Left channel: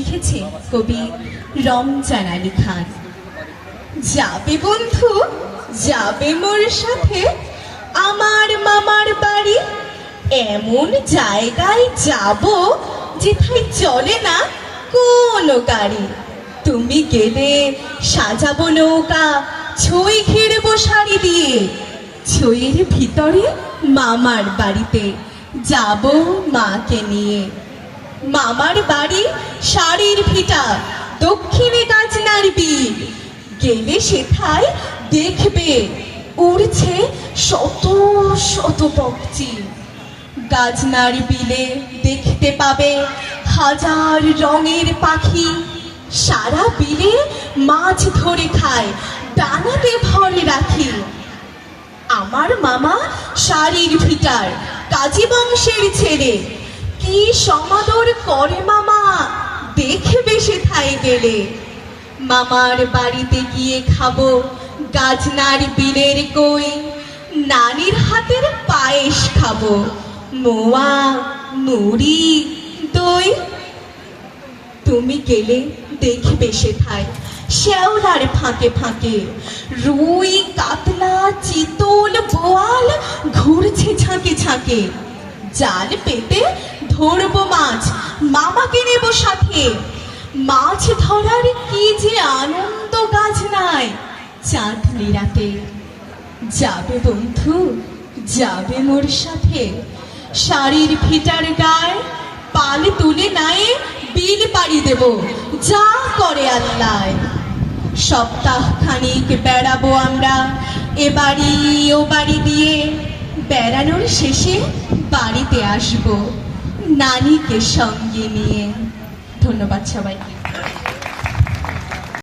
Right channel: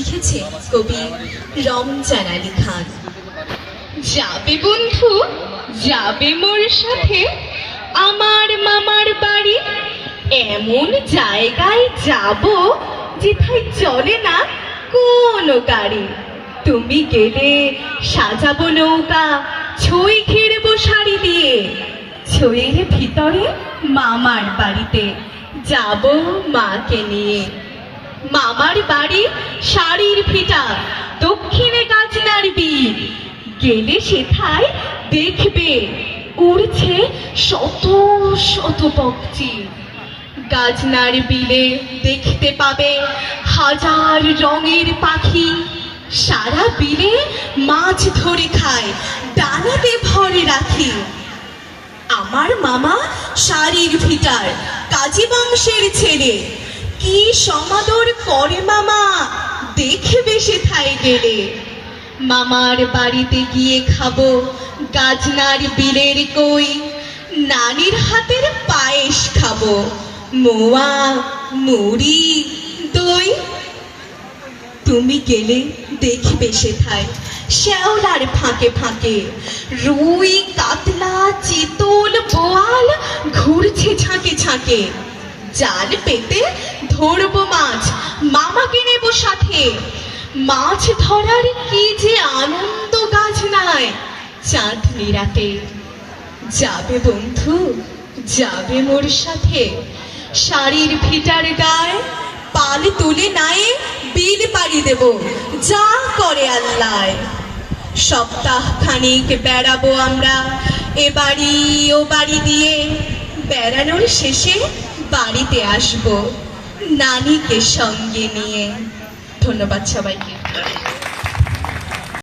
লিখেছে কবি রমজান আলী খান। যাবে বন্ধু, যাবে মোর সাথে, আমার মামার বাড়ি। এমন জায়গায় যাব যেথায় চলে না কোনো গাড়ি। তুমি গেলে সাজাবো নৌকা, ছই ঘিরবো শাড়ি দিয়ে। ছইয়ের ভিতরে মামার বাড়িতে যাব মাকে নিয়ে। মামার বাড়ি, শাড়ির ফিটা দক্ষিণে গাছনার বীর। গেলে সেথায় দেখবে, উড়ছে শত শত পক্ষী। গাজনার বিলে দেখতে পাবে হাজার রঙের পাখি। সারা বিলে মাছ ধরে খায়, ডানাতে ভরে রাখি। আমার মামা শাড়ির ভিটার, কাজী বংশের ছেলে। কি সমাদর করে মামা? দেখে দেখবে সেথায় গেলে। মামার বাড়িতে গিয়ে খাব গাজনার বিলের কই। নানির হাতের পায়েস খাব। মোয়া, মুড়ি, দই। তুমি গেলে দেখবে সেথায় শ্যাওলার ফাঁকে ফাঁকে। রুই, কাতলা, চিতল, বোয়াল ঘুরছে ঝাঁকে ঝাঁকে। জাল পেতে ধরবো মাছ। মামাকে নেব সাথে। মাছ ধরার কি যে আনন্দ গাছ নাই চাঁদ নিরাতে যাবে বন্ধু, যাবে মোর সাথে। শাড়ির ফিটার গায়ে পাল তুলে নাই বিল পাড়ি দেব। যা করে আল্লাহ সপ্তাহ খানিক বেড়াবো আমরা। এ বাড়ি, ও বাড়ি দিয়ে বেড়ানোর শেষে বাড়িতে আসব নানিকে সঙ্গে নিয়ে। ধন্যবাদ সবাইকে।